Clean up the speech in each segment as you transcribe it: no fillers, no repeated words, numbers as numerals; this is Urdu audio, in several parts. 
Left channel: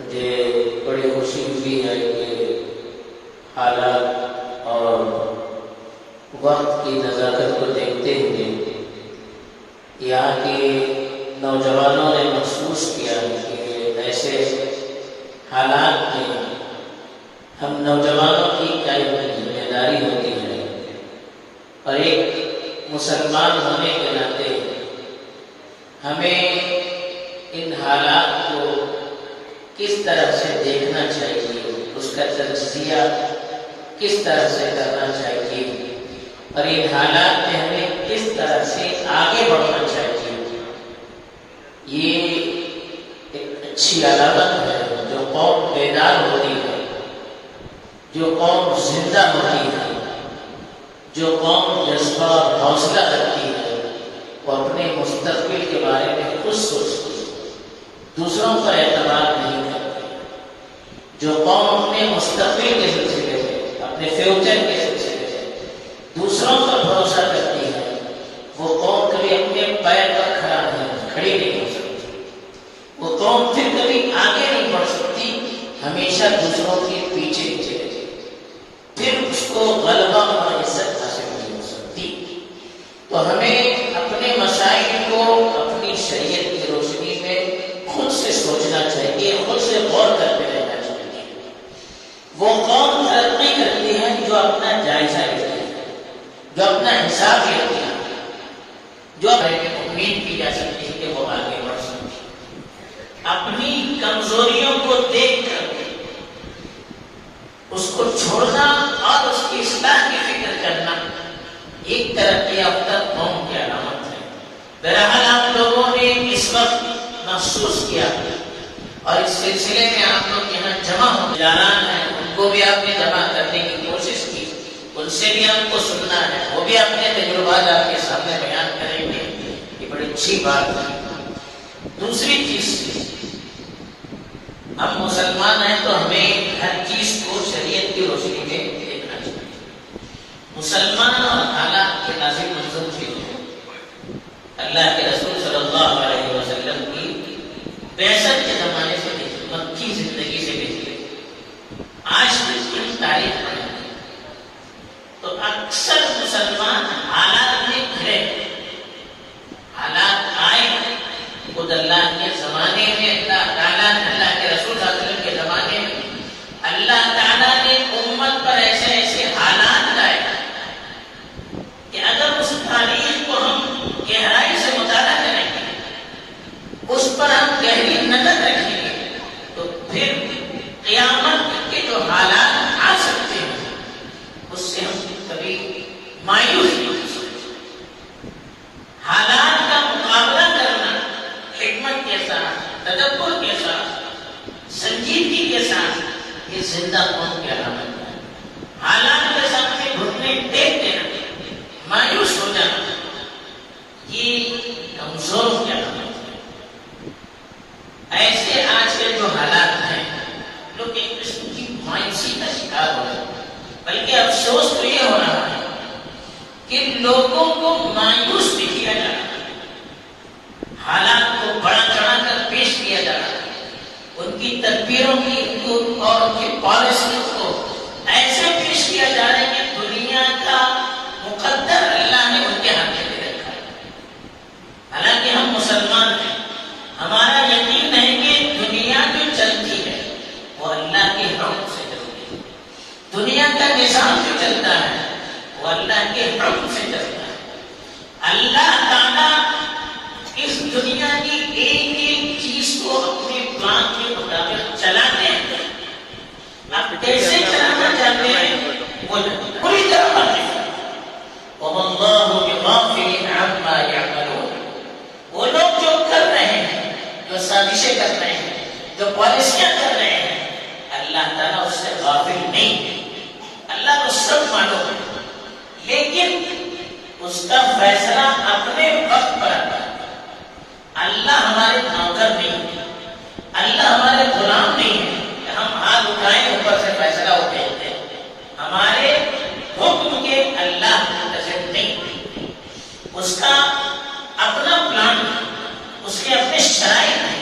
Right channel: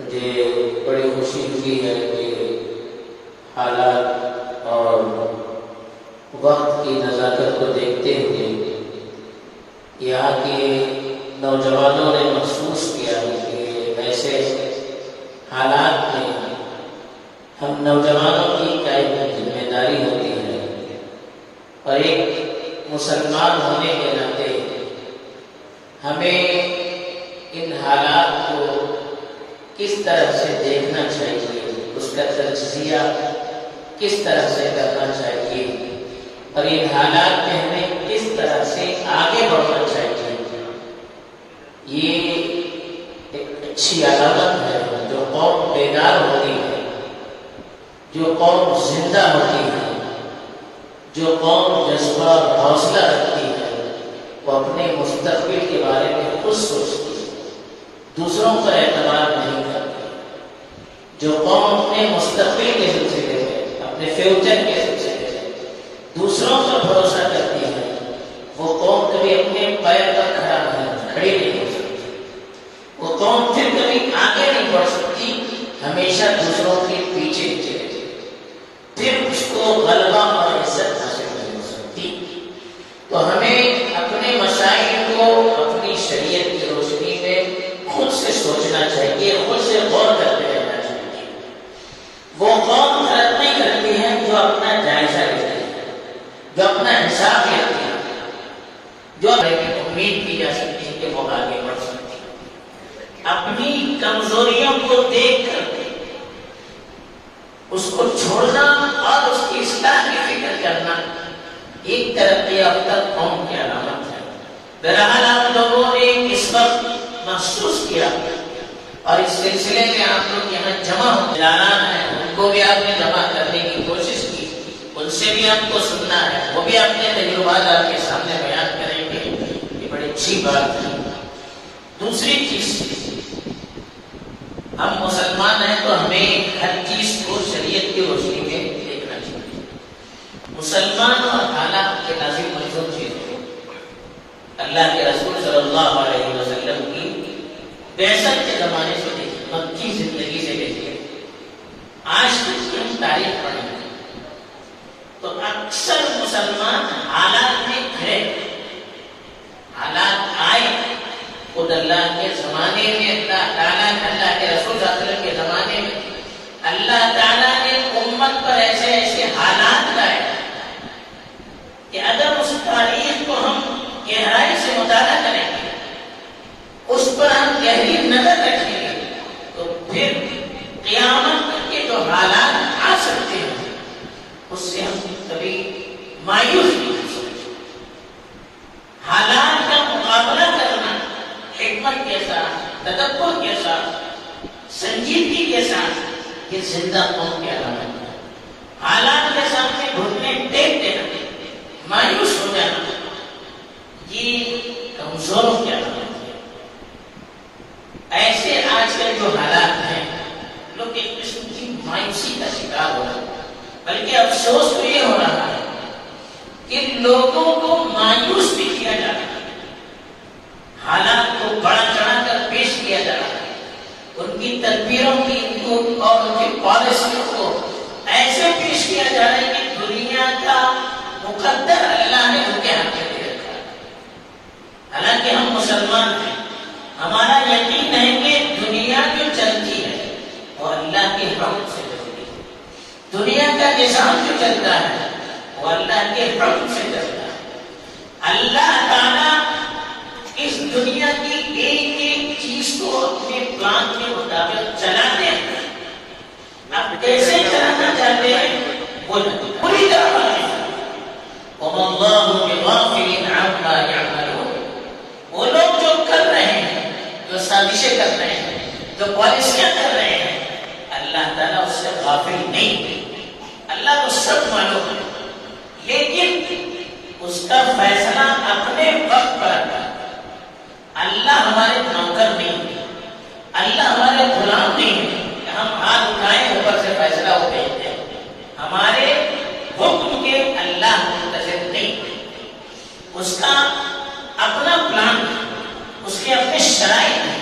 مجھے بڑی خوشی ہوئی ہے کہ حالات اور وقت کی نزاکت کو دیکھتے ہوئے یہاں کے نوجوانوں نے محسوس کیا کہ ایسے حالات میں ہم نوجوانوں کی کیا ذمہ داری ہوتی ہے، اور ایک مسلمان ہونے کے ناطے ہمیں ان حالات کو کس طرح سے دیکھنا چاہیے، اس کا تجزیہ کس طرح سے کرنا چاہیے، اور ان حالات میں ہمیں کس طرح سے آگے بڑھنا چاہیے، یہ ایک اچھی علامت ہے۔ جو قوم بیدار ہوتی ہے، جو قوم زندہ ہوتی ہے، جو قوم جذبہ اور حوصلہ رکھتی ہے، وہ اپنے مستقبل کے بارے میں خود سوچتی ہے، دوسروں پر اعتماد نہیں کرتی۔ جو قوم اپنے مستقبل کے سلسلے میں، اپنے فیوچر کے سلسلے میں دوسروں پر بھروسہ کرتی ہے، وہ قوم کبھی اپنے پیر پر کھڑی نہیں ہو سکتی، وہ قوم پھر کبھی آگے نہیں بڑھ سکتی، ہمیشہ دوسروں کے پیچھے چلے جائے، پھر اس کو غلبہ اور عزت حاصل نہیں ہو سکتی۔ تو ہمیں اپنے مسائل کو اپنی شریعت کی روشنی میں خود سے سوچنا چاہیے، خود سے غور کرتے رہنا چاہیے۔ وہ قوم ترقی کرتی ہے جو اپنا جائزہ لیتی ہے، جو اپنا حساب لیتی ہے، جو امید کی جا سکتی ہے کہ وہ آگے بڑھ سکتی ہے۔ اپنی کمزوریوں کو دیکھ کر اس کو چھوڑنا اور اس کی اصلاح کی فکر کرنا ایک ترقی یافتہ قوم کی علامت ہے۔ بہرحال آپ لوگوں نے اس وقت محسوس کیا، اور اس سلسلے میں آپ لوگ یہاں جمع ہو جانان ہے، ان کو بھی آپ نے جمع کرنے کی کوشش کی، ان سے بھی آپ کو سننا ہے، وہ بھی اپنے تجربات آپ کے سامنے بیان کریں گے، یہ بڑی اچھی بات ہے۔ دوسری چیز، ہم مسلمان ہیں تو ہمیں ہر چیز کو شریعت کی روشنی میں دیکھنا چاہیے۔ مسلمان اور حالات کے نازل منظور چیز ہے۔ اللہ کے رسول صلی اللہ علیہ وسلم کی بعثت کے زمانے سے دیکھیے، مکی زندگی سے دیکھیے، آج تک کی تاریخ پڑھیں تو اکثر مسلمان حالات میں گھرے، حالات آئے خود اللہ کے زمانے میں، اللہ تعالیٰ اللہ کے رسول صلی اللہ علیہ وسلم کے زمانے میں اللہ تعالیٰ نے امت پر ایسے ایسے حالات لائے کہ اگر اس تاریخ کو ہم گہرائی سے مطالعہ کریں گے، اس پر ہم گہری نظر رکھیں گے، تو پھر قیامت کے جو حالات آ سکتے ہیں اس سے ہم کبھی مایوس نہیں ہو سکتے۔ حالات کا مقابلہ کرنا حکمت کے ساتھ، تدبر کے ساتھ، سنجیدگی کے ساتھ، یہ زندہ قوم کی علامت ہے۔ حالات کے سامنے گھٹنے ٹیک دینا، مایوس ہو جانا، یہ کمزوروں کی علامت ہے۔ ایسے آج کے جو حالات ہیں، لوگ ایک قسم کی مایوسی کا شکار ہو رہے ہیں، بلکہ افسوس تو یہ ہو رہا ہے کہ لوگوں کو مایوس بھی کیا جا رہا ہے، حالات کو بڑا چڑھا کر پیش کیا جا رہا ہے، ان کی تدبیروں کی اور ان کی پالیسیوں کو ایسے پیش کیا جا رہا ہے کہ دنیا کا مقدر اللہ نے ان کے ہاتھ میں دے رکھا ہے۔ حالانکہ ہم مسلمان ہیں، ہمارا یقین ہے کہ دنیا جو چلتی ہے وہ اللہ کے حکم سے چلتی ہے، دنیا کا نظام جو چلتا ہے وہ اللہ کے حکم سے چلتا ہے۔ اللہ تعالیٰ اس دنیا کی ایک ایک چیز کو اپنے پلان کے مطابق چلاتے ہیں، اب کیسے چلانا چاہتے ہیں وہ پوری طرح بتائیں۔ وَمَا اللَّهُ بِغَافِلٍ عَمَّا يَعْمَلُونَ، وہ لوگ جو کر رہے ہیں، جو سازشیں کر رہے ہیں، جو پالیسیاں کر رہے ہیں، اللہ تعالیٰ اس سے غافل نہیں ہے، اللہ کو سب معلوم ہے، لیکن اس کا فیصلہ اپنے وقت پر آتا ہے۔ اللہ ہمارے نوکر نہیں ہے، اللہ ہمارے غلام نہیں ہے کہ ہم ہاتھ اٹھائیں اوپر سے فیصلہ اٹھائیں گے، ہمارے حکم کے اللہ منتظر نہیں ہے، اس کا اپنا پلان ہے، اس کے اپنے شرائط ہیں،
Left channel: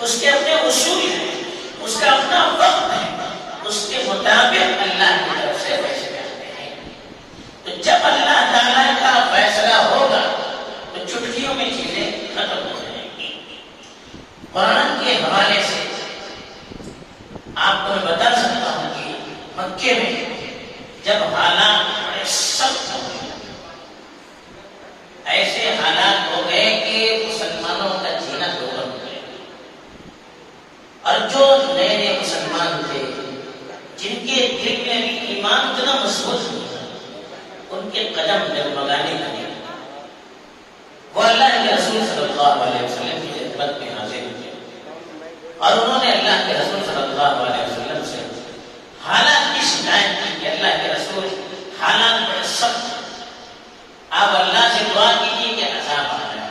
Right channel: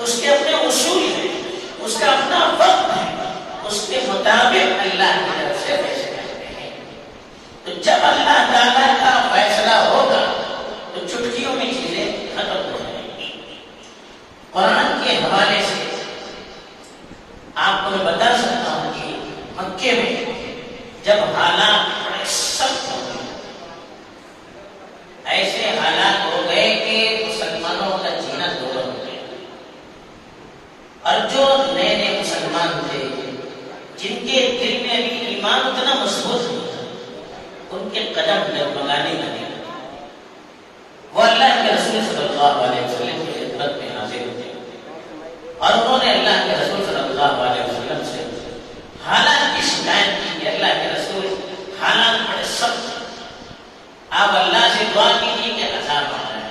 اس کے اپنے اصول ہیں، اس کا اپنا وقت ہے، اس کے مطابق اللہ کی طرف سے فیصلے کرتے ہیں۔ تو جب اللہ تعالیٰ کا فیصلہ ہوگا تو چٹکیوں میں چیزیں ختم ہو جائیں گی۔ قرآن کے حوالے سے آپ کو میں بتا سکتا ہوں کہ مکے میں جب حالات بڑے سخت ہو گئے، ایسے حالات ہو گئے کہ مسلمانوں کا جینا دوبر ہو گیا، اور جو نئے نئے مسلمان تھے جن کے دل میں بھی ایمان اتنا مضبوط نہیں تھا، ان کے قدم ڈگمگانے لگے۔ وہ اللہ کے رسول صلی اللہ علیہ وسلم کی خدمت میں حاضر ہوتے اور انہوں نے اللہ کے رسول صلی اللہ علیہ وسلم سے حالات کی شکایت کی کہ اللہ کے رسول حالات بڑے سخت، آپ اللہ سے دعا کیجیے کہ عذاب آ رہا ہے۔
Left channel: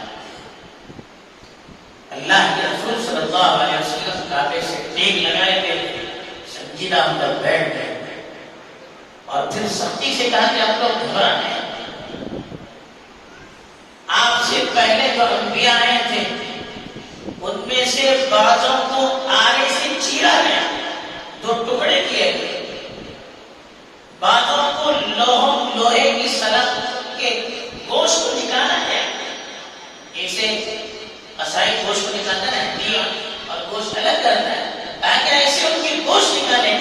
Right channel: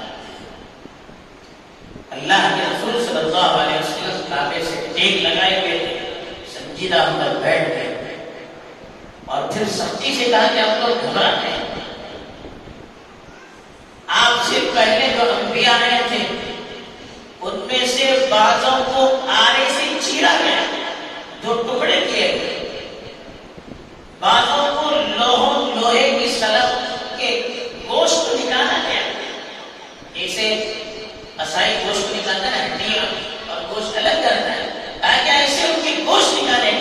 اللہ کے رسول صلی اللہ علیہ وسلم کعبے سے ٹیک لگائے ہوئے تھے، سنجیدہ ہو کر بیٹھ گئے اور پھر سختی سے کہا کہ آپ لوگ گھبرا گئے، آپ سے پہلے جو انبیاء آئے تھے ان میں سے بعضوں کو آرے سے چیرا گیا، دو ٹکڑے کیے گئے، بعضوں کو لوہے کی سلب کے گوشت کو نکالا گیا، ایسے اسائی گوشت کو نکالتا ہے، ہڈیاں اور گوشت الگ کرتا ہے، تاکہ ایسے ان کی گوشت نکالے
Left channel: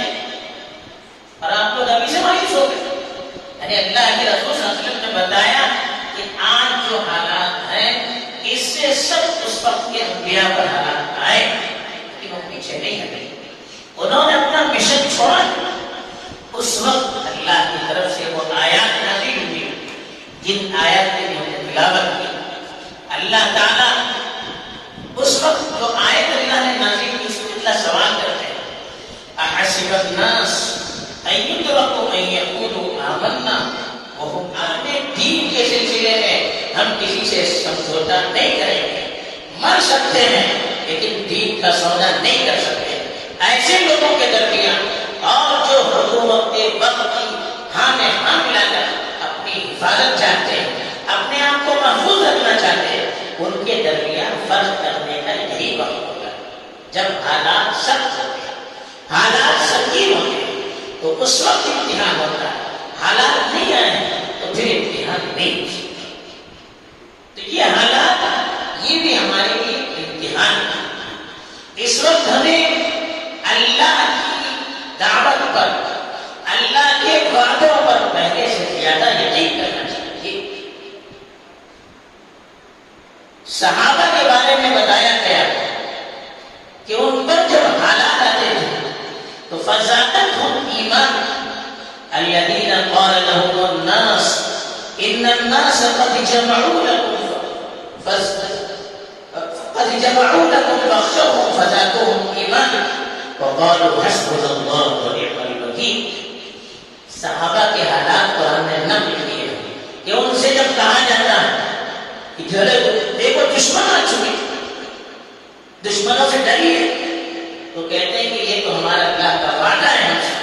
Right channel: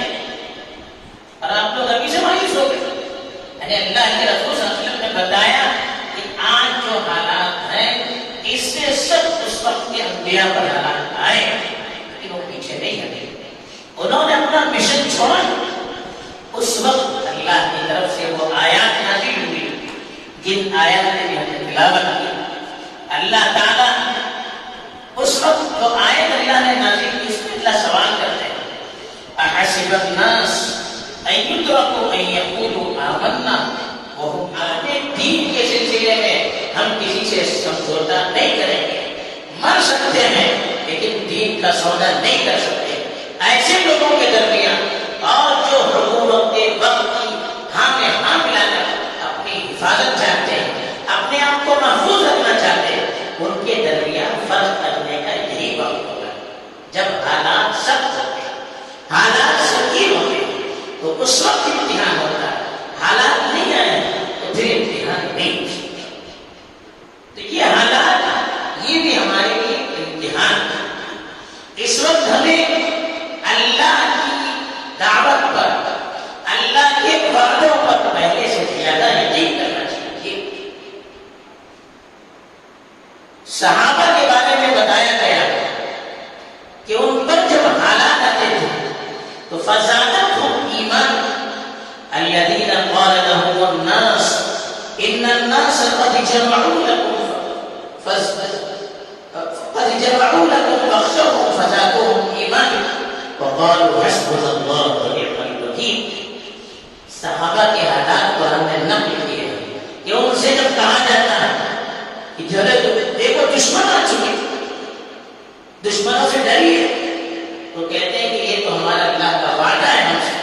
اور آپ لوگ ابھی سے مایوس ہو گئے۔ یعنی اللہ کے رسول صلی اللہ علیہ وسلم نے بتایا کہ آج جو حالات ہیں اس سے سب اس وقت کے انبیاء پر حالات آئے کہ وہ پیچھے نہیں ہٹے، انہوں نے اپنا مشن چھوڑا۔ اس وقت اللہ کی طرف سے وہ آیات نازل ہوئی جن آیات نے ہم نے تلاوت کی۔ اللہ تعالیٰ اس وقت جو آیت اللہ نے نازل کی اس میں اللہ سوال کرتے ہیں، احسب الناس ان یترکوا ان یقولوا آمنا وهم اپنے دین کے سلسلے میں ہم کسی سے سمجھوتا نہیں کریں گے، مر سکتے ہیں لیکن دین کا سودا نہیں کر سکتے۔ ایسے لوگوں کے درمیان اور جو حکومت کے وقت کی ہاں میں ہاں ملا کر اپنی حفاظت چاہتے ہیں، اپنے آپ کو محفوظ رکھنا چاہتے ہیں، ان کے درمیان فرق کرنے کا یہی وقت ہوگا جب حالات سخت ہوتے ہیں، حالات سنگین ہوتے ہیں تو اس وقت امتحان ہوتا ہے۔ حالات نہیں آئے تو پھر امتحان نہیں ہو سکتا۔ تو یہ حالات یہ بھی ہمارے لیے امتحان ہے۔ اس وقت ہمیں اللہ کی دعوت پر، اللہ کے وعدوں پر پہلے سے زیادہ یقین کرنا چاہیے۔ صحابہ کے بارے میں بتایا گیا کہ ان پر جب حالات آتے تھے تو فزادتهم ایمان الذين قال لهم الناس ان الناس قد جمعوا لكم فاخشوهم فزادوهم ایمانا وقالوا حسبنا الله ونعم الوکیل۔ صحابہ کے حالات قرآن نے نقل کیے کہ ان سے جب کہا جاتا ہے کہ دیکھو دشمن آ چکے، دشمنوں سے ڈریے، تو کہتے ہیں کہ یہ تو ہمارا اللہ کا وعدہ ہے ہم سے،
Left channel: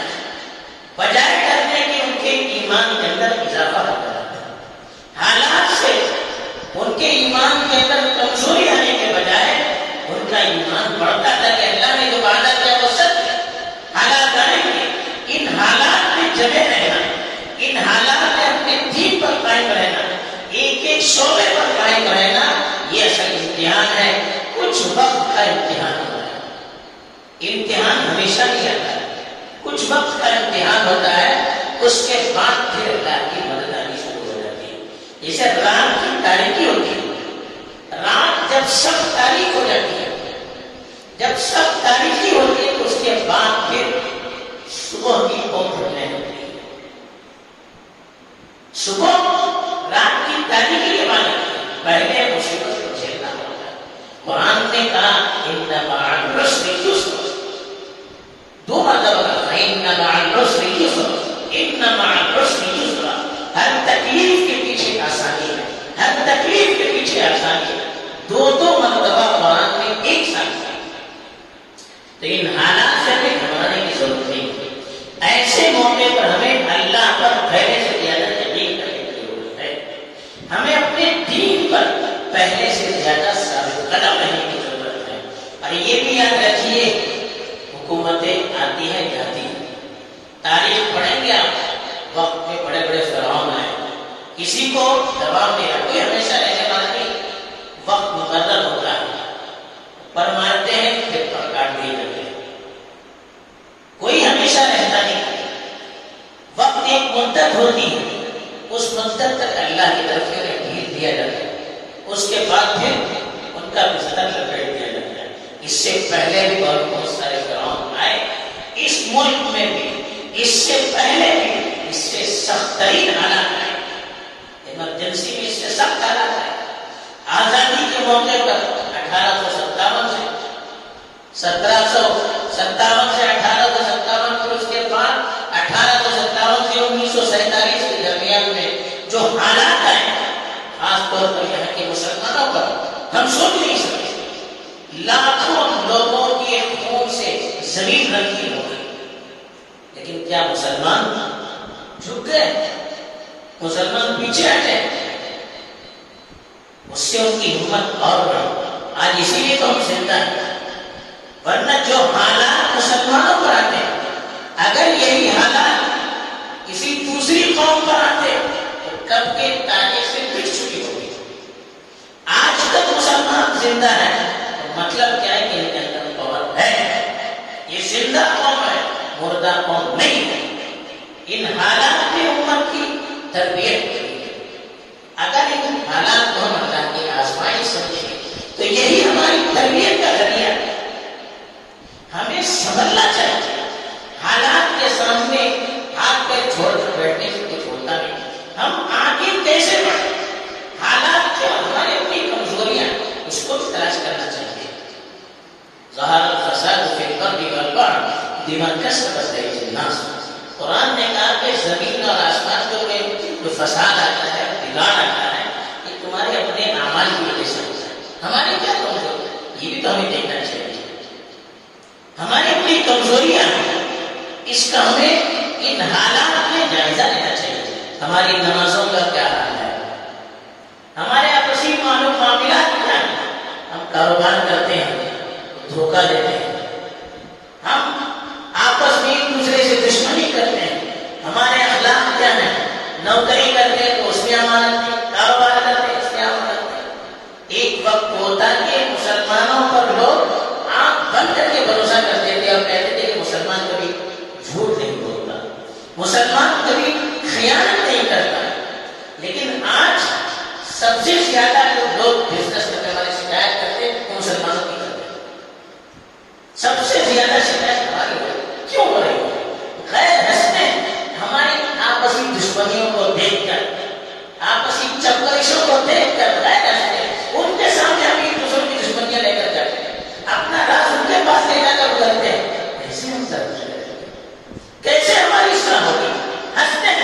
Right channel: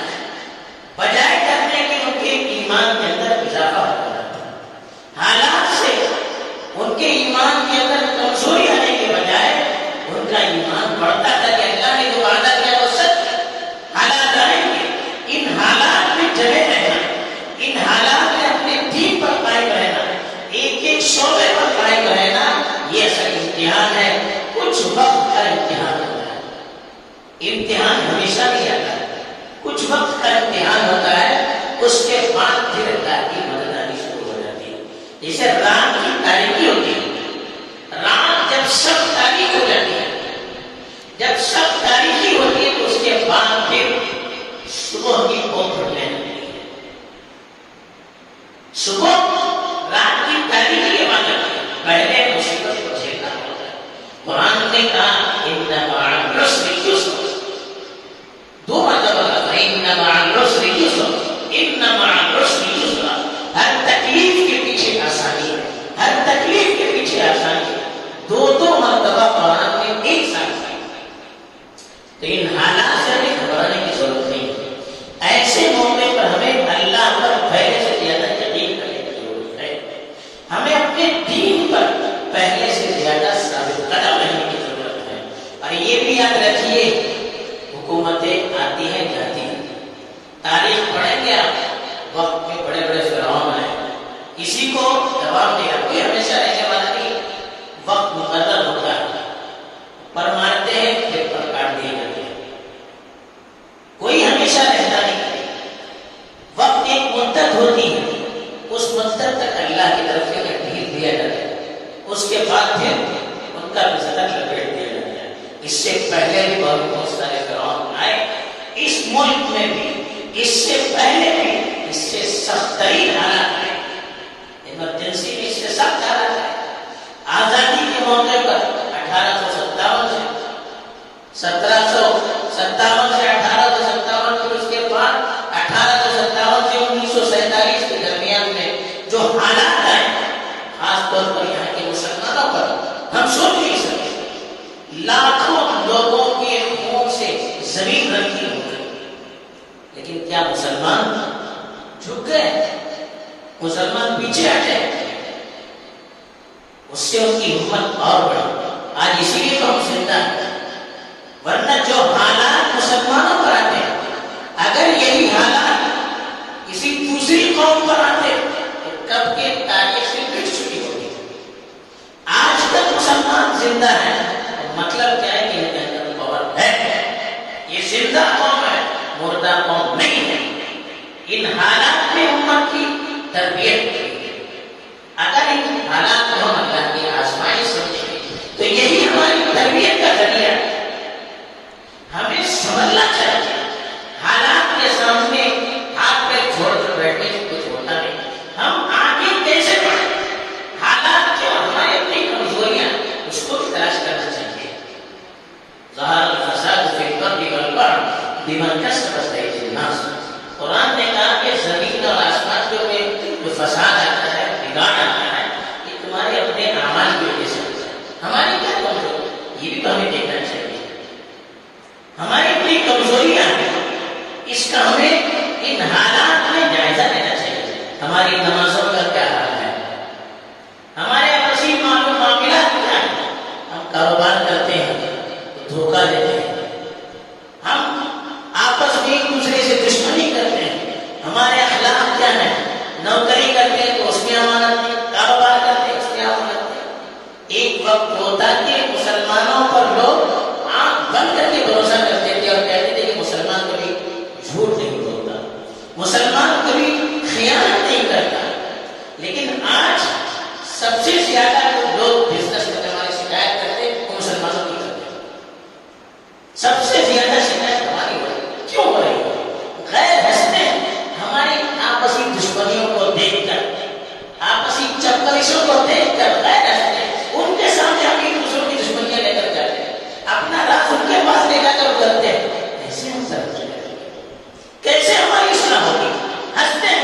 بجائے کرنے کے ان کے ایمان کے اندر اضافہ ہوتا ہے۔ حالات سے ان کے ایمان کے اندر کمزوری آنے کے بجائے ان کا ایمان بڑھتا تھا کہ اللہ نے جو وعدہ کیا وہ سچ ہے۔ حالات آئیں گے، ان حالات میں جمے رہنا، ان حالات میں اپنے دین پر قائم رہنا، ایک ایک شعبے پر قائم رہنا، یہ اصل امتحان ہے۔ کچھ وقت کا امتحان ہوتا ہے، امتحان ہمیشہ نہیں آتا ہے، کچھ وقت کا امتحان ہوتا ہے، اس کے بعد پھر اللہ کی مدد آنی شروع ہو جاتی ہے۔ جیسے رات کی تاریکی ہوتی ہے، رات جب سخت تاریک ہو جاتی ہے، جب سخت تاریکی ہوتی ہے تو اس کے بعد پھر صبح کی بہت کھلنے لگتی ہے۔ صبح رات کی تاریکی کے بعد پہلے مصیبت کو جھیلنا ہوتا ہے۔ قرآن نے کہا ان مع العسر یسرا، دو مرتبہ کہا ان مع العسر یسرا، ان مع العسر یسرا۔ ہر تکلیف کے پیچھے آسانی ہے، ہر تکلیف کے پیچھے آسانی ہے، دو مرتبہ قرآن نے ایک ساتھ کہا۔ تو ان حالات سے ہمیں گھبرانے کی ضرورت نہیں، ایسے موقع پر ہمیں اللہ پر پہلے سے زیادہ یقین کرنے کی ضرورت ہے، ہمیں اپنے دین پر پہلے سے زیادہ ثابت قدم رہنے کی ضرورت ہے۔ اور یہ بھی یاد رکھیے حکومتیں آتی ہیں جاتی ہیں. تاریخ پڑھیں گے آپ، وقت میں بڑے بڑے فرعون ہیں، کسی کو جواب دیا، کوئی ہمیشہ رہنے والا نہیں. وقت مقرر ہوتا ہے، پر مانتے ہیں پھر پر کاٹ دیے جاتے ہیں. کوئی ہمیشہ رہتا نہیں. وقت ایک مدت ہوتی ہے، اس مدت تک اللہ کی طرف سے ڈھیل دیا جاتا ہے، اس کے بعد پھر ان کا بستر لپیٹ دیا جاتا ہے. اس سے پہلے بھی بہت سارے فرعون آئے اس ملک میں بھی، اس سے پہلے بھی اس سے سخت ترین حالات ہے. ایمرجنسی بھی اس سے سخت حالات ہے. آزادی کے موقع پر 1857 سے 1757 سے 1857، پھر اس کے بعد 1857 سے 1947 کے درمیان میں جو حالات آئے، خاص طور پر یہاں کے مسلمانوں پر ہم سن نہیں سکتے. لاکھوں لوگوں کے خون سے زمین رنگین ہو گئی، لیکن کیا مسلمان جھک گئے؟ مسلمان پیچھے ہٹے؟ اس سے ان کی ہمت اور بڑھی. آج اسی لیے تو ہم زندہ ہیں. ورنہ جو حالات مسلمانوں پر آتے ہیں، اگر یہی حالات کسی دوسری قوم پر آتے تو کب کے تاریخ سے مٹ چکی ہوتی. آج تک مسلمان زندہ ہے، مطلب کیا ہے کہ ان کے اندر پاور ہے. یہ زندہ قوم ہے، مردہ قوم نہیں ہے. ان حالات میں امت کی تربیت کی. اگر ان حالات کو ہم اللہ کی آزمائش سمجھیں تو یہی ہماری تربیت کا ذریعہ ہے. ہمیں سمجھنا چاہیے حالات کے سامنے ہاتھ پہ چھوڑ کر بیٹھنے سے کچھ ہوتا نہیں. ہم آگے کیسے بڑھیں؟ حالات جو ہماری اپنی کمزوریاں اس کو بھی تلاش کرنا چاہیے. ظہر الفساد فی البر والبحر بما کسبت ایدی الناس. قرآن نے کہا کہ زمین اور آسمان میں جو فساد آتا ہے، بگاڑ آتا ہے، یہ تمہارے اپنے اعمال کی وجہ سے ہوتا ہے. ہماری کیا کمزوری؟ یہ بھی تو ہمیں دیکھنا چاہیے. ہماری اپنی کمزوریاں ہیں، اس کا ہمیں ان حالات میں جائزہ لینا چاہیے. ہماری نمازوں کا کیا حال ہے؟ ہمارے آپسی معاملات کیا ہیں؟ ہم کاروبار کرتے ہیں، دھوکہ دیتے ہیں. ہم آپس میں ایک دوسرے سے دشمنی کرتے ہیں. ہمارے اخلاق کیا ہیں؟ نوکری کرتے ہیں تو اس میں امانت نہیں، کاروبار کرتے ہیں اس میں امانت نہیں. ایک وقت ہوتا کہ مسلمانوں پر لوگ آنکھ بند کر کے بھروسہ کرتے تھے اور کہتے تھے کہ مسلمان کبھی جھوٹ نہیں بولتا، مسلمان کبھی خیانت نہیں کرتا. لیکن آج سب سے زیادہ جو لوگ بزنس کرنے والے شکایت کرتے ہیں وہ مسلمانوں کی کرتے ہیں. سب سے زیادہ شکایت ہماری ہو رہی ہے. کیوں ہو رہی ہے؟ غیر ہنستے ہماری آپسی دشمنیوں کو دیکھ کر، آپسی چپکلشوں کو دیکھ کر غیر ہنستے ان کے سامنے ہم ایک دوسروں کی دشمنیاں لے کر جاتے ہیں، اپنا راز ان کے پاس لے جا کر کرتے ہیں. کیسے ہم ترقی کریں گے؟ کیسے ہماری اصلاح ہوگی؟ ہنستے ہیں.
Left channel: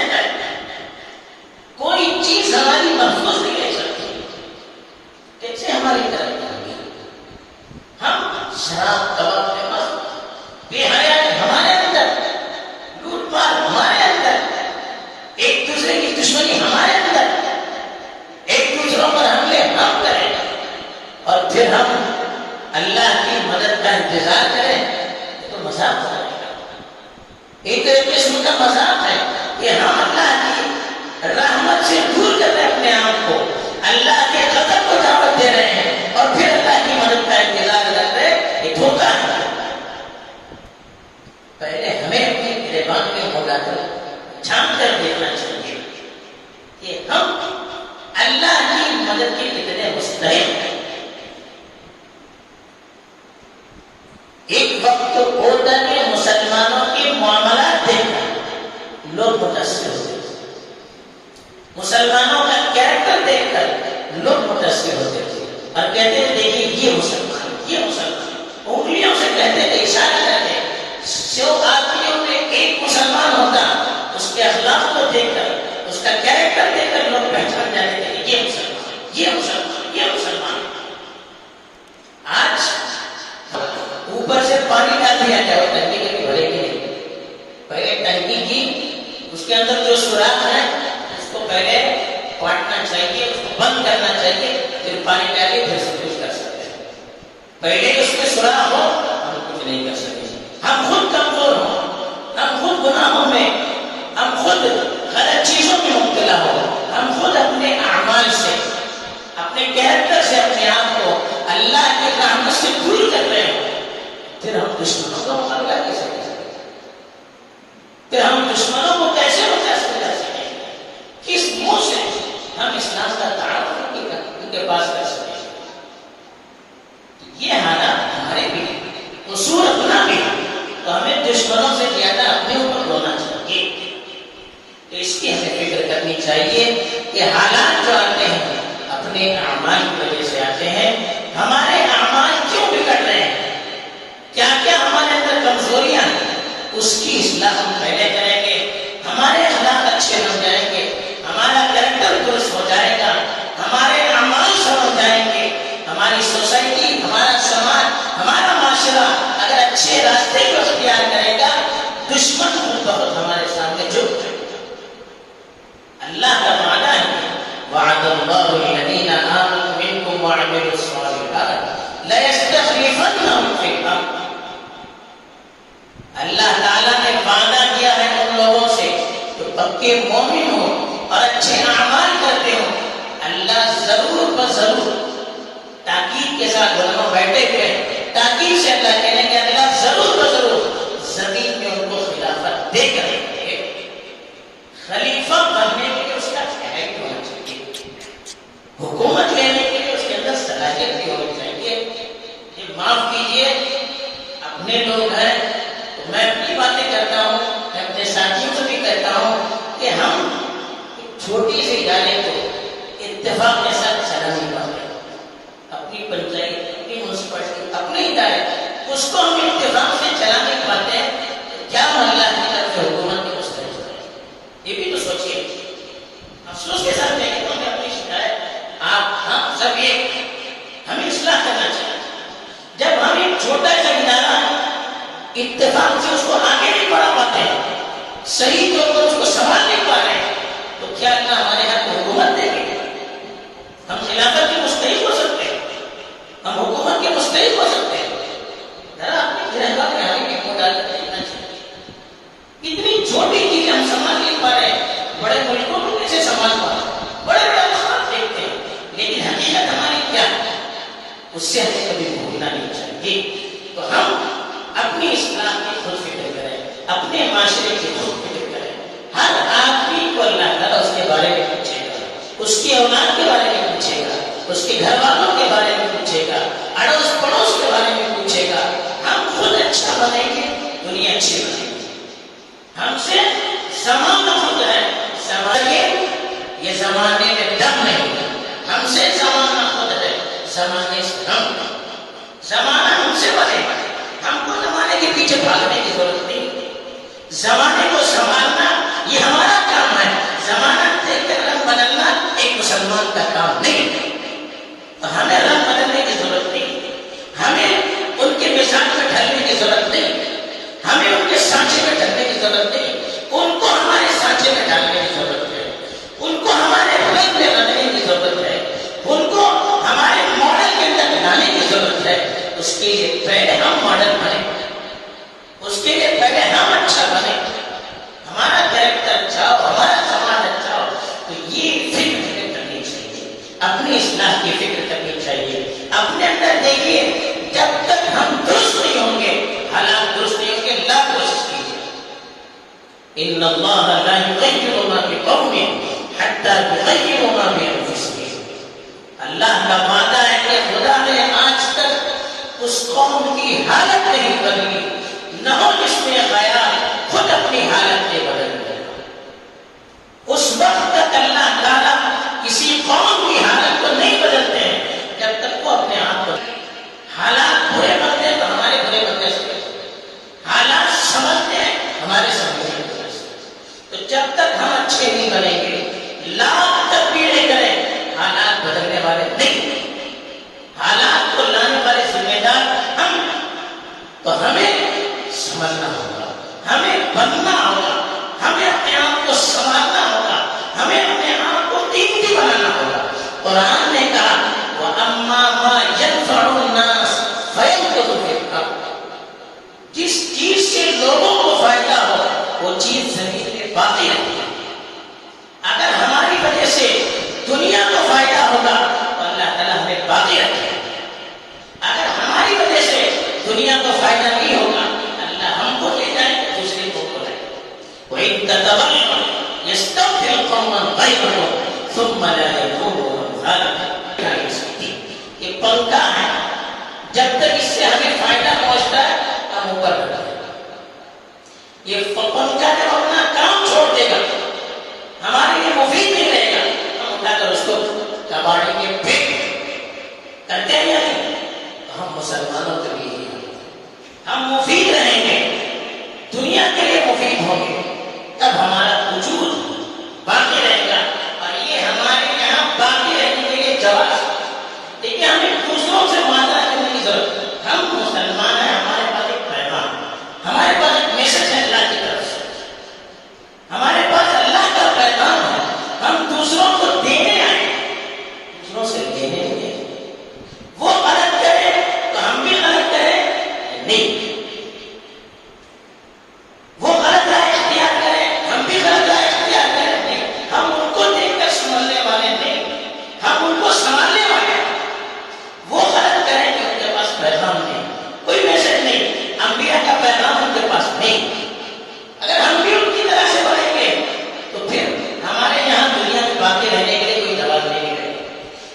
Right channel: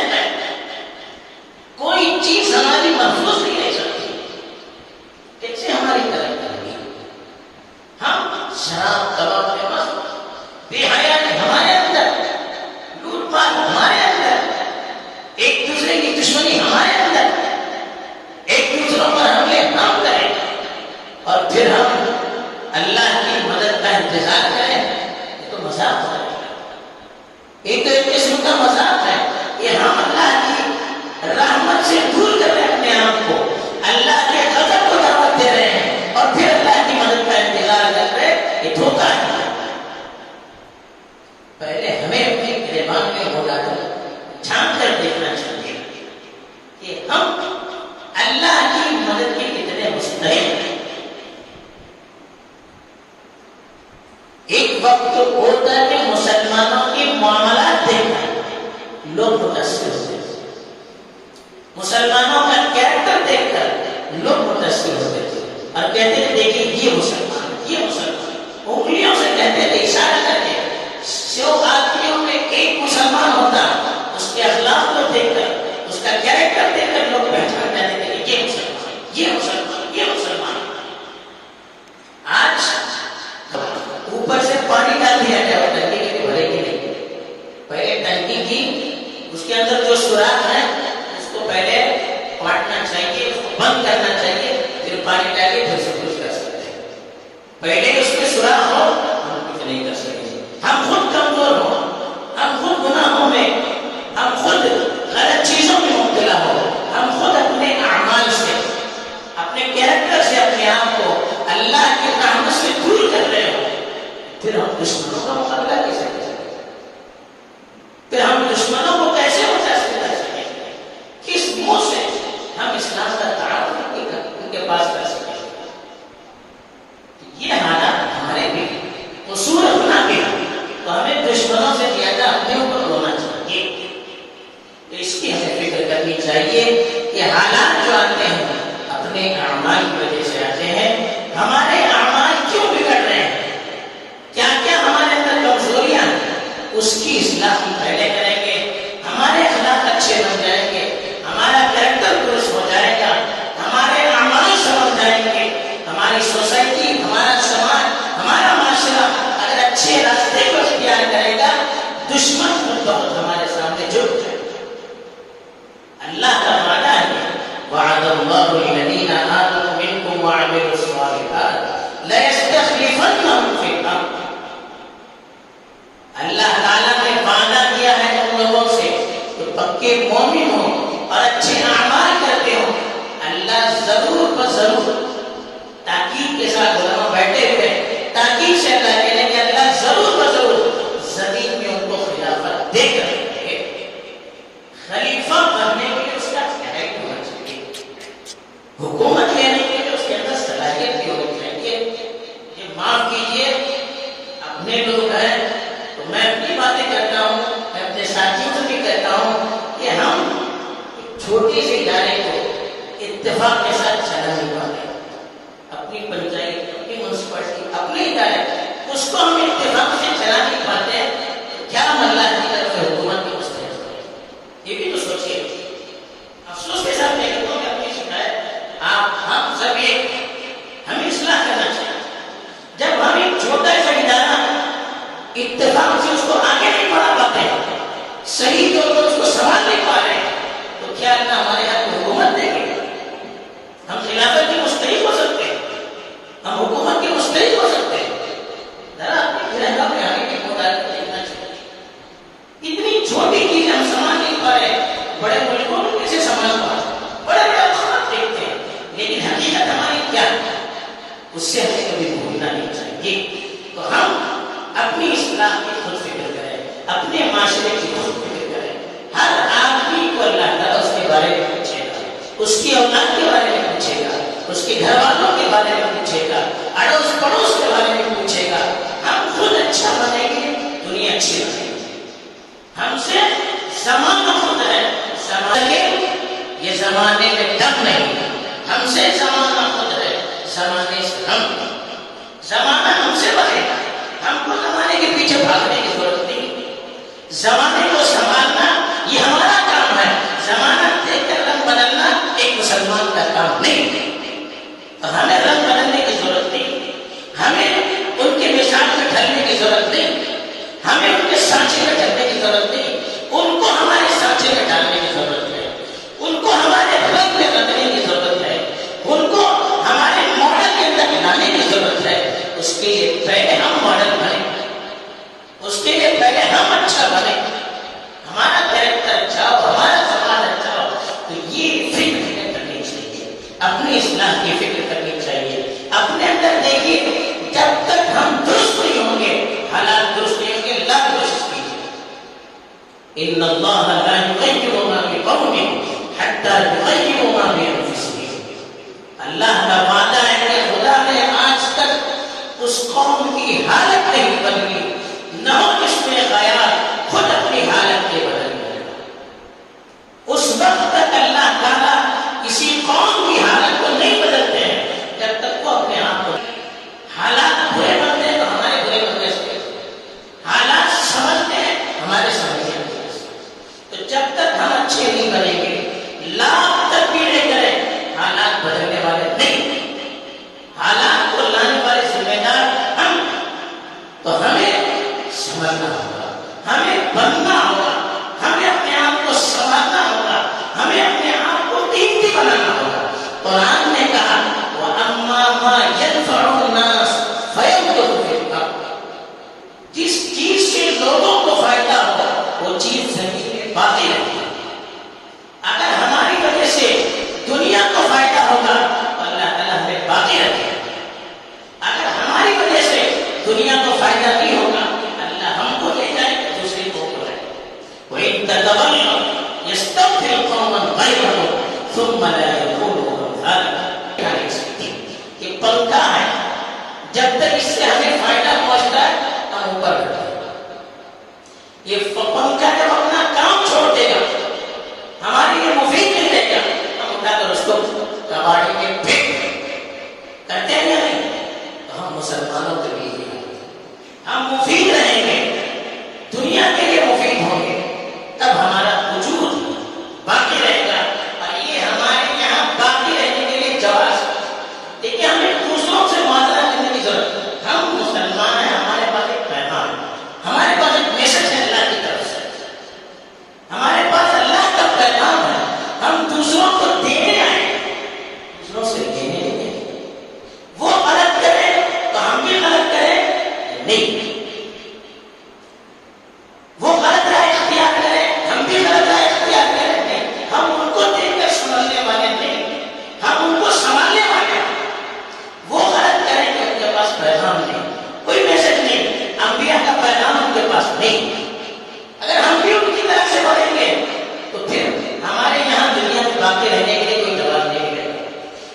کوئی چیز ہماری محفوظ نہیں رہ سکتی. کیسے ہماری ترقی ہوگی؟ ہم شراب کباب میں مست، بے حیائی ہمارے اندر، لوٹ پاٹ ہمارے اندر، ایک دوسرے کی دشمنی ہمارے اندر، ایک دوسروں پر حملے ہم کریں اور پھر ہم اللہ کی مدد کا انتظار کریں. یہ تو مذاق ہو جائے گا. ایک قسم کا مذاق ہے کہ ہم اللہ کی رحمت سے دور کر رہے ہیں اپنے آپ کو، اللہ کے غضب کو دعوت دے رہے ہیں اور پھر اللہ کی مدد کا انتظار کر رہے ہیں. یہ دھوکہ ہے. پہلے ہمیں اپنے گریبان میں ہو کر جھانک کر دیکھنا چاہیے کہ ہم اللہ کی مدد کے کتنے مستحق ہیں. ایک وقت ہوتا ہے کہ مسلمانوں کے معاملات دیکھ کر لوگ متاثر ہوتے تھے، مسلمانوں کا کیریکٹر دیکھ کر لوگ متاثر ہوتے تھے اور کہتے تھے دیکھیے یہ مسلمان، یہ مسلمان. انگلیوں سے کہتے تھے، اشارہ کرتے. جو آدمیوں میں ایک مسلمان ہوتا اس کے اخلاق کو دیکھ کر، اس کا کیریکٹر دیکھ کر لوگ پہچان جاتے تھے کہ یہ مسلمان، یہ مسلمان، یہ مسلمان. آج اوپر سے پانی ڈال دیا جائے ٹنکی کے بھرے کی نہیں. پہلے ٹنکی کی اس کے اندر جو سوراخ ہے اس کو پہلے کاٹنا چاہیے، اس کو بند کرنا چاہیے، پھر پانی ڈال کے پھر سے کچھ کر سکتے ہیں. پہلے اس میں سوراخ ہو ہم کچھ نہیں کر سکتے. ہم پھر ہم دشمنوں کا مقابلہ کیسے کر سکیں؟ پھر ہم دشمنوں کو کیسے متاثر کر سکیں؟ کس منہ سے ہم اسلام کا تعارف ان کے پاس کر سکیں؟ یہ حالات ہمارے بھی قصور اپنا بھی ہے، تو ہمیں دشمنوں سے زیادہ اپنے اوپر رونا چاہیے. تو اس کی ہمیں فکر کرنی چاہیے کہ حالات جو آتے ہیں اپنے اعمال کی وجہ سے آتے ہیں. ہمارے اعمال کیوں بگڑ رہے ہیں؟ کیا کیا ہمارے اندر کمزوریاں ہیں؟ اس کی اصلاح ہم پہلے کریں گے، ہمارے اخلاق اچھے بن جائیں گے، ہمارا کریکٹر درست ہو جائے گا، ہمارے اعمال سمجھ جائیں گے، ہماری سوسائٹی، ہمارا سماج، ہمارا معاشرہ اگر اچھے راستے کو اختیار کرے گا، دشمن خود بخود ہمارے سامنے جھک جائے. اللہ کا وعدہ ہے، وعد اللہ الذین آمنوا منکم وعملوا الصالحات لیستخلفنہم فی الارض. اللہ تعالیٰ نے وعدہ کیا ہے ان لوگوں سے جو پکے مومن ہو اور اچھے اعمال کرتے ہو. اللہ ضرور بضرور تاکید کے ساتھ علماء بیٹھے ہوئے ہیں، تاکید سے اللہ کہنے کہ اللہ ضرور بضرور زمین میں ان کو خلافت دے کر رکھے. خلیفہ بننے کے لیے اس کا کیریکٹر ہونا چاہیے، حکومت لینے کے لیے اس کے اندر صلاحیت بھی ہونی چاہیے. یہ معاف کیجیے، اپنے لوگ ہیں تو میں اپنی باتیں کرتا ہوں، میں اپنے ساتھیوں سے بھی کہتا ہوں کہ ہم ایک چھوٹی سی ادارے کو اتفاق کے ساتھ چلا نہیں پاتے. اپنی پنچایت، اپنی میونسپلٹی، اپنے ادارے اس کو ہم اتفاق سے چلا نہیں پاتے ہیں، کیا اللہ کی طرف سے حکومت کے مستحق ہے؟ یہ بھی تو سوچیے. افسوس کے ساتھ میں کہتا ہوں کہ اپنی شکایت ہم سب ایک، ہمیں اصلاح کرنا چاہیے. جب ہم ایک چھوٹا سا ادارہ اتفاق سے اس کو آگے نہیں بڑھا پاتے ہیں، صحیح طور پر اس کو سنبھال نہیں پا رہے ہیں، تو کیا اللہ ہمارے ہاتھ میں حکومت دے گی؟ ہم خلافت کے مستحق ہو سکتے ہیں، ہم حکومت کے مستحق ہو سکتے ہیں. ذرا اپنے گھر کا بھی مطالعہ دیکھنا چاہیے. اتنی چھوٹی چیزیں ہم سنبھال نہیں پا رہے ہیں، بڑے ملکوں کو کیسے سنبھال پا رہے ہیں، بڑے بڑے افراد دیکھتے ہیں، لیکن حقیقت ہماری کیا ہے اس سے ہمیں کبھی بھولنا نہیں چاہیے. تو ہم اپنی اصلاح کی خود فکر کریں، اپنے معاشرے کی خود فکر کریں. ہر آدمی کو اللہ تعالیٰ اس کے بارے میں پوچھے گا، اس کی اولاد کے بارے میں پوچھے گا، اس کے گھر والوں کے بارے میں پوچھے گا، اڑوس پڑوس کے بارے میں پوچھے گا. ہم خود اچھا بنیں گے، دنیا اچھی بنے گی. ہم سے زمانہ خود ہے، یہ زمانے میں دم نہیں، ہم سے زمانہ خود ہے، زمانے سے ہم. زمانہ ہم سے بنے گا، ہم کو زمانے کے پیچھے بھاگنے کی ضرورت نہیں. زمانے کو سنبھالنا یہ ہمارا کام ہے. زمانہ دیکھ کر رنگ بدلنا ایک مسلمان کا کام نہیں ہے. تو ہمیں رنگ بدلنے کی ضرورت نہیں، ہمیں ان کے مزاج میں ڈھلنے کی ضرورت نہیں، ہمیں ان کے سانچے میں ڈھلنے کی ضرورت نہیں. ان کو ہمارے سانچے میں ڈالنے کی ضرورت ہے، ان کو ہمارے رنگ میں رکھنے کی ضرورت ہے، ان کو ہمارے ماڈل کے اندر لانے کی ضرورت ہے. اس کے لیے پہلے ہم ماڈل بنے، اس کے لیے پہلے ہم اچھا بنے، ہمارا کریکٹر اچھا ہو، ہمارا سماج اچھا ہو. تو یہ فکر کرنی چاہیے، اپنی اصلاح کی فکر کرنی چاہیے. اپنے اندر دیکھیے، جب تک ہم درست نہیں ہوں گے، حالات درست نہیں ہوں گے. لا کوشش کیجیے، ان اللہ لا یغیر ما بقوم حتی یغیروا ما بانفسهم. اللہ کا وعدہ ہے کہ خدا نے آج تک اس قوم کی حالت نہیں بدلی، نہ ہو جس میں خیال خود اپنی حالت کے بدل گیا. اس وقت تک اللہ تعالیٰ کسی قوم کی حالت کو نہیں بدلتے ہیں جب تک وہ اپنے آپ کو. حالات برے بنتے ہیں تو ہمارے برے بننے سے، حالات سمجھتے ہیں ہمارے سمجھنے سے. تو جب تک ہم اچھے نہیں بنیں گے، لاکھ تدبیریں کریں، حالات بدلنے والے نہیں. حالات کو لانے والے ذمہ دار ہم. تو ہمیں سمجھنا ہوگا، ہمیں بننا ہوگا، ہمیں اپنے آپ کو سنبھالنا ہوگا، ہمیں اپنے آپ کو قیمتی بنانا ہوگا. قرآن نے کہا وَأَمَّا مَا يَنْفَعُ النَّاسَ فَيَمْكُثُ فِي الْأَرْضِ. جس چیز سے لوگوں کو فائدہ ہو وہ چیز زمین میں باقی رہے گی. اگر ہماری وجہ سے دنیا کو فائدہ ہوگا تو اللہ تعالیٰ ہمیں باقی رکھے گا. اگر ہماری وجہ سے دنیا تو فائدہ نہیں ہوگا، اللہ ہم کو لے جائے دوسرے کو بلائے. وَإِن تَتَوَلَّوْا يَسْتَبْدِلْ قَوْمًا غَيْرَكُمْ ثُمَّ لَا يَكُونُوا أَمْثَالَكُم. ایک پنکھا ہے، جب تک اس سے ہمیں فائدہ پہنچتا ہے ہم اوپر رہتے ہیں. یہ پنکھا جب اپنا کام چھوڑ دے گا، ہمارے لیے مفید نہیں رہے گا، ہم اٹھا کر اس کو کباڑی کے پھینک کرتے ہیں یا نہیں؟ تو ہم مسلمانوں کے لیے ہم مفید رہیں گے، دنیا کے لیے مفید ہوں گے، تب ہمارا وجود باقی رہے گا. اور یہ ہمارے یہاں باقی رہنے کے لیے جواز. دیکھیے ہمیں دوسروں سے معاملہ کرنے کی ضرورت ہے. ہم مسلمان ہیں، ہمارے پاس ایک پیغام ہے، ہمارے پاس ایک میسج ہے اللہ کی طرف سے، ہمارے پاس اللہ کا پیغام ہے. ہم دوسروں کو دینے آئے، دوسروں سے لینے نہیں. وہ غلط کرے تو ہم بھی غلط کریں نہیں، وہ غلط رائے اختیار کرے ہم بھی غلط رائے اختیار کریں نہیں. ہم ان کو دیکھ کر سنبھلنے والے نہیں، ہم ان کو سنبھالنے والے. وہ غلط کریں کہ ان کے پاس پیغام نہیں، کوئی میسج نہیں، انبیاء کا پیغام ان کے پاس نہیں. اگر ہم بھی ان کی طرح سے بڑھیں گے تو پھر ہمارے یہاں دنیا میں باقی رہنے کے لیے کوئی جواب نہیں رہے گا.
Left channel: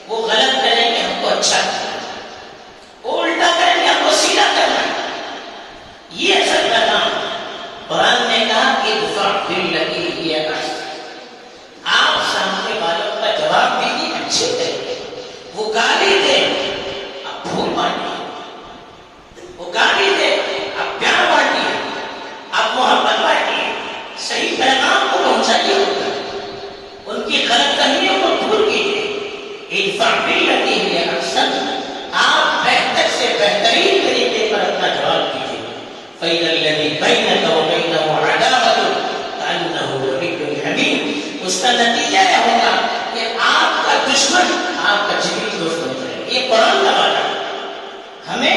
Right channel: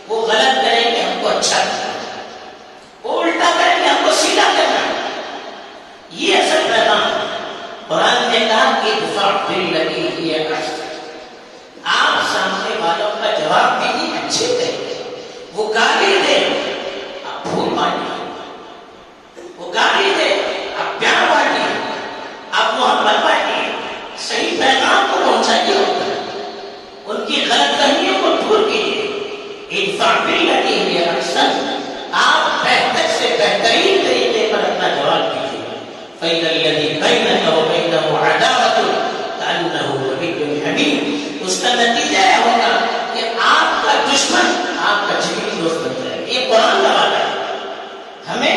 وہ غلط کریں کہ ہم کو اچھا کرنا ہے، وہ الٹا کریں کہ ہم کو سیدھا کرنا ہے. یہ اصل پیغام ہے. قرآن نے کہا کہ ادفع باللتی ہی احسن. آپ سامنے والوں کا جواب دیجیے اچھے طریقے. وہ گالی دے آپ پھول بانٹیے، وہ گالی دے آپ پیار بانٹیے، آپ محبت بانٹیے، صحیح پیغام کو پہنچائیے ان کی غلط فہمیوں کو دور کیجیے. ادفع باللتی ہی احسن. آپ بہتر سے بہترین طریقے پر اپنا جواب دیجیے. فَإِذَا الَّذِي بَيْنَكَ وَبَيْنَهُ عَدَاوَةٌ كَأَنَّهُ وَلِيٌّ حَمِيمٌ. اس کا نتیجہ یہ ہوگا کہ آپ کا دشمن آپ کا جگری دوست بن جائے گا. یہ قرآن کا بات ہے. ہمیں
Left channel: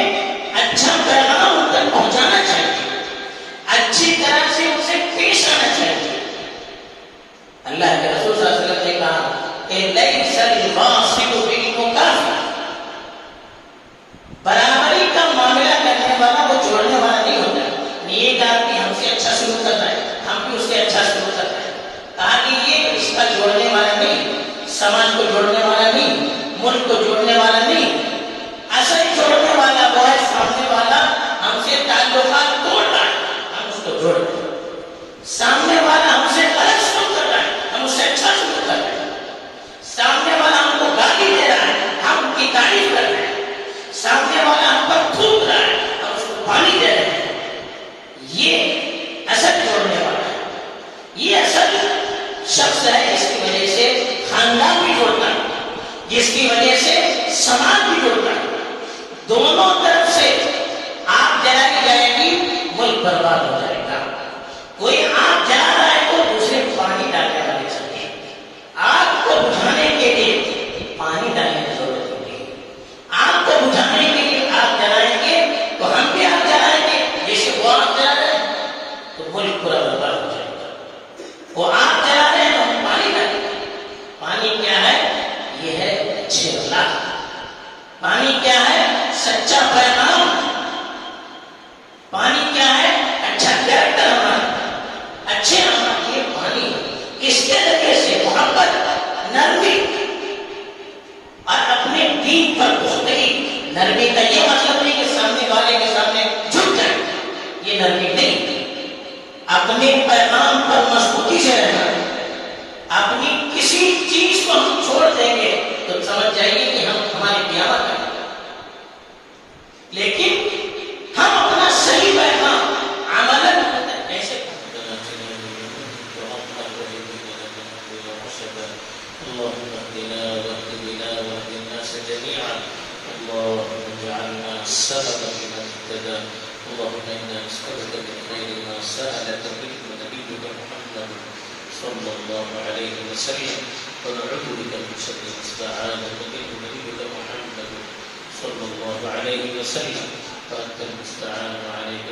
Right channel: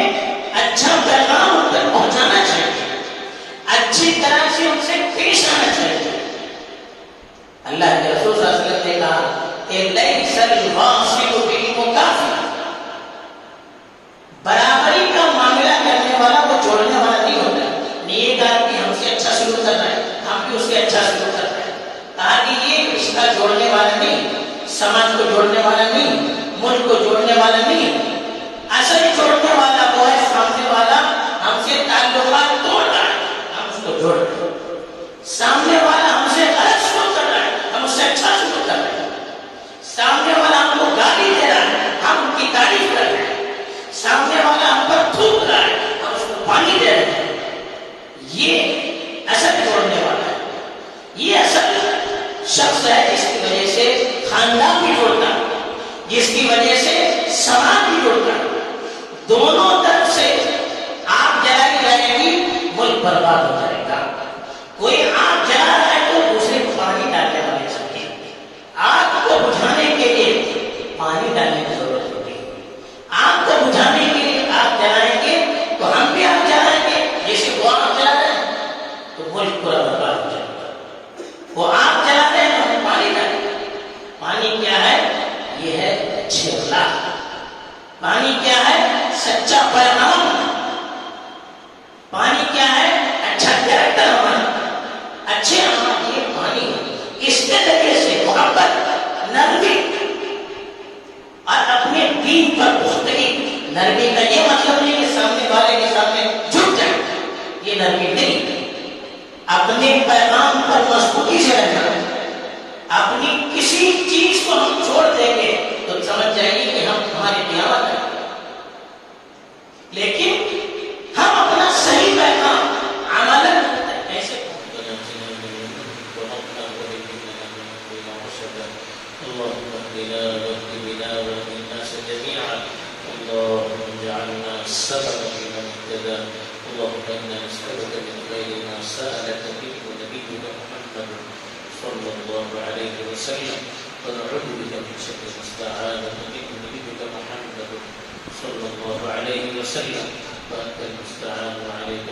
اچھا پیغام ان تک پہنچانا چاہیے، اچھی طرح سے ان سے پیش آنا چاہیے. اللہ کے رسول صلی اللہ علیہ وسلم نے کہا کہ لَيْسَ الْوَاصِلُ بِالْمُكَافِئِ. برابری کا معاملہ کرنے والا وہ جوڑنے والا نہیں ہوتا. نیک آدمی ہم سے اچھا سلوک کرنا ہے، ہم بھی اس سے اچھا سلوک کرنا ہے. کہا کہ یہ رشتہ جوڑنے والا نہیں، سماج کو جوڑنے والا نہیں، ملک کو جوڑنے والا نہیں. اصل جوڑنے والا وہ ہے سامنے والا ہم سے تعلقات توڑ رہا ہے، ہم اس کو جوڑ رہے ہیں. سامنے والا ہم سے غلط سلوک کر رہا ہے، ہم اس سے اچھا سلوک کر رہے ہیں. سامنے والا ہم کو گالی دے رہا ہے، ہم ان کی تعریف کر رہے ہیں. سامنے والا ہم پر تھوک رہا ہے، ہم اس کو پانی دے رہے ہیں. یہ اصل جوڑنے والا ہے. یہ اصل شخص ہے جس کی وجہ سے خاندان بھی جوڑتا ہے، جس کی وجہ سے سماج بھی جوڑتا ہے. دونوں طرف سے آگ جلائی جائے گی، ملک برباد ہو جائے گا. کوئی آگ جلا رہا ہے تو دوسرے کو پانی ڈالنے والے چاہیے. آگ کو بجھانے کے لیے پانی ڈالنے کی ضرورت ہوگی. آگ کو بجھانے کے لیے آگ جلائیں گے تو ہم بھی آگ جلائیں گے. جیسے وہ آگ جلا رہے ہیں تو ملک پورا برباد ہو جائے گا. وہ آگ جلا رہے ہیں تو ہم پانی ڈالیں گے. پانی کیا ہے؟ یہ ہے اچھے اخلاق. پانی کیا ہے؟ سچا پیغام. پانی کیا ہے؟ اچھا کیریکٹر ہمارا، اچھے ہمارا. یہ پانی اس کے ذریعے سے محبت، نرمی اور اپنے دین پر پختگی. نرمی کا یہ مطلب نہیں کہ سامنے والے کے سامنے جھک جائے، یہ نرمی نہیں. اپنے پیغام پر مضبوطی سے رہنا. اپنی کسی چیز کو ہم چھوڑ دیں گے تو سمجھ جائیے کہ ہم ہماری قیامت ہے. لیکن ہم اپنا صحیح پیغام عملاً ایسے اللهم اهدنا واهد بنا واهد الناس جميعا. اللهم اجعلنا سببا لمن اهتدى. اللهم انا نسالك من خير ما سالك منه نبيك محمد صلى الله عليه وسلم، ونعوذ بك من شر ما استعاذك منه نبيك محمد صلى الله عليه وسلم، فانت المستعان وعليك